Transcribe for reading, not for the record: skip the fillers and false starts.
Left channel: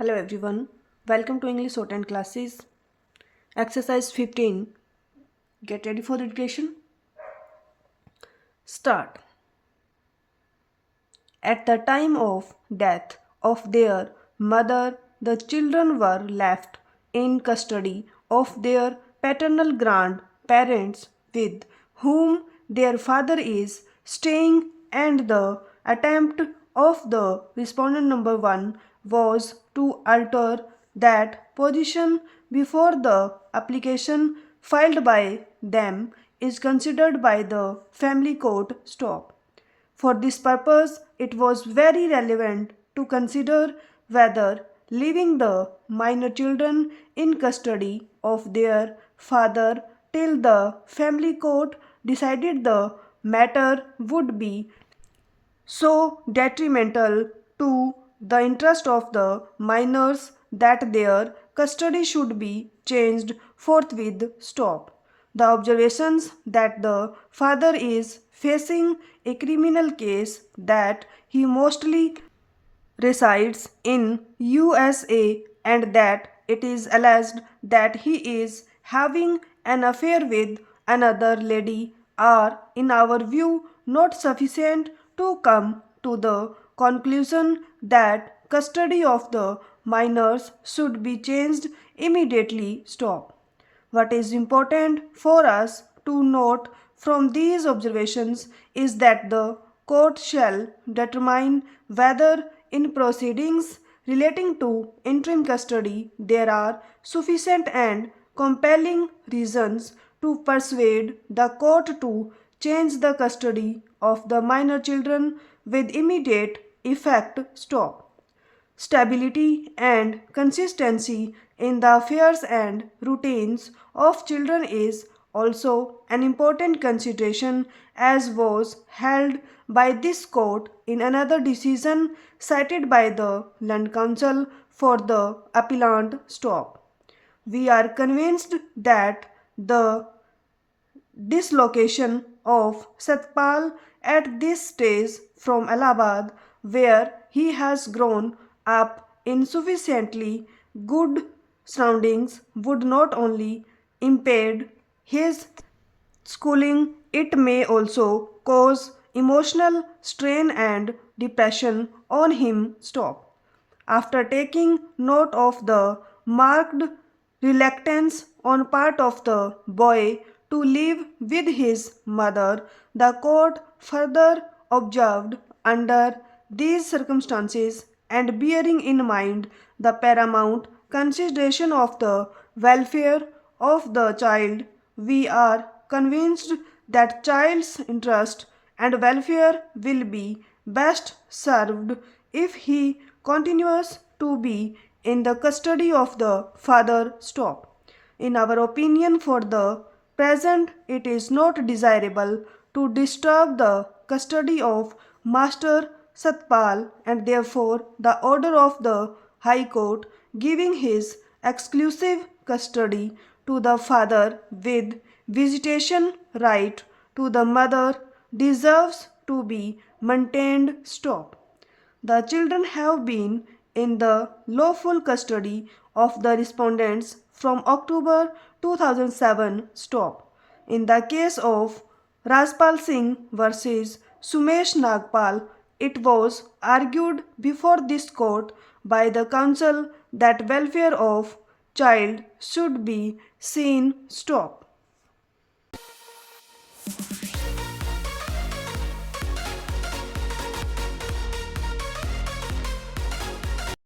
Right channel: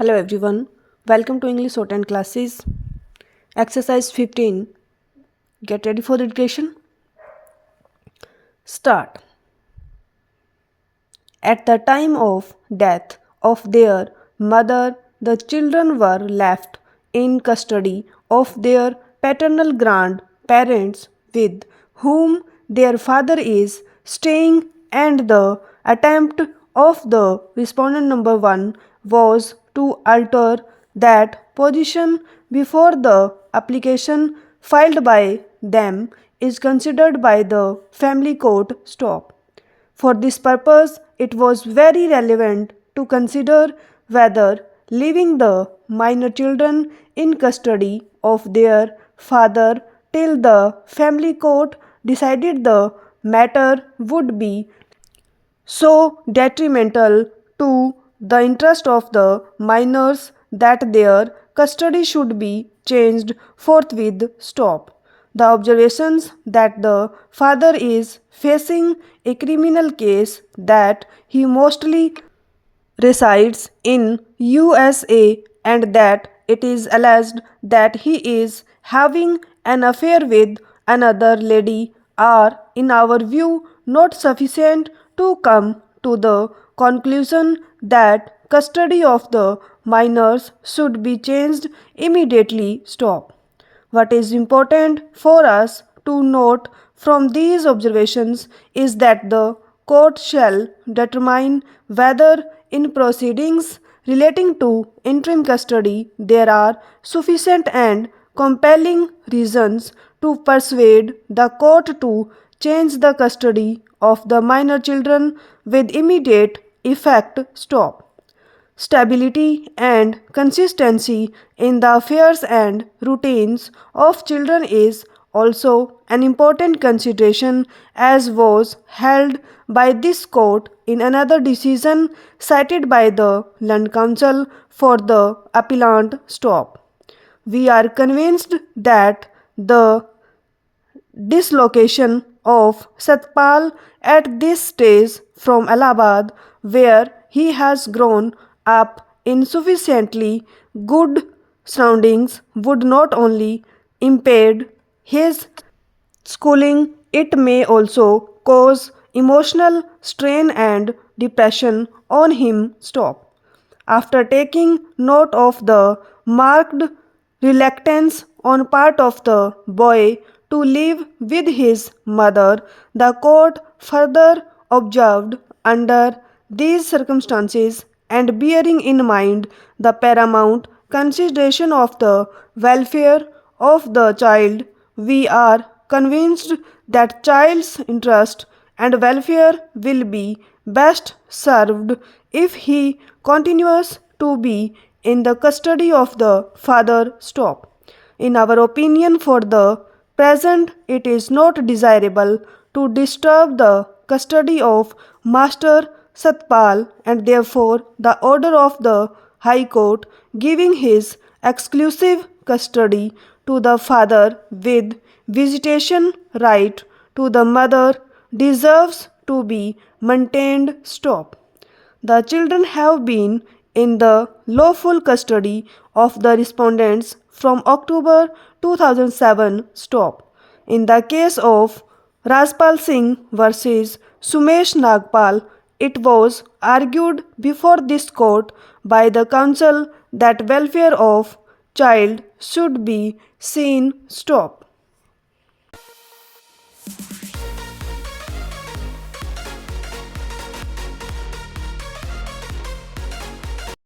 Hello everyone, welcome to English Shorthand classes. Exercise 15. Get ready for the education. Start. At the time of death of their mother, the children were left in custody of their paternal grandparents with whom their father is staying, and the attempt of the respondent number 1 was to alter that position before the application filed by them is considered by the family court. Stop. For this purpose, it was very relevant to consider whether leaving the minor children in custody of their father till the family court decided the matter would be so detrimental to the interest of the minors that their custody should be changed forthwith. Stop. The observations that the father is facing a criminal case, that he mostly resides in USA, and that it is alleged that he is having an affair with another lady are, in our view, not sufficient to come to the conclusion that custody of the minors should be changed immediately. Stop. What is important for us to note from these observations is that the court shall determine whether, in proceedings relating to interim custody, there are sufficient and compelling reasons to persuade the court to change the custody of the minor children with immediate effect. Stop. Stability and consistency in the affairs and routines of children is also an important consideration, as was held by this court in another decision cited by the Land Council for the appellant. Stop. We are convinced that the dislocation of Satpal at this stage from Allahabad, where he has grown up in sufficiently good surroundings, would not only impede his schooling, it may also cause emotional strain and depression on him. Stop. After taking note of the marked reluctance on part of the boy to live with his mother, the court further observed, under these circumstances and bearing in mind the paramount consideration of the welfare of the child, we are convinced that child's interest and welfare will be best served if he continues to be in the custody of the father. Stop. In our opinion, for the present, it is not desirable to disturb the custody of Master Satpal, and therefore the order of the High Court giving his exclusive custody to the father with visitation right to the mother deserves to be maintained. Stop. The children have been in the lawful custody of the respondents from October 2007. Stop. In the case of Rajpal Singh versus Sumesh Nagpal, it was argued before this court by the council that welfare of child should be seen. Stop.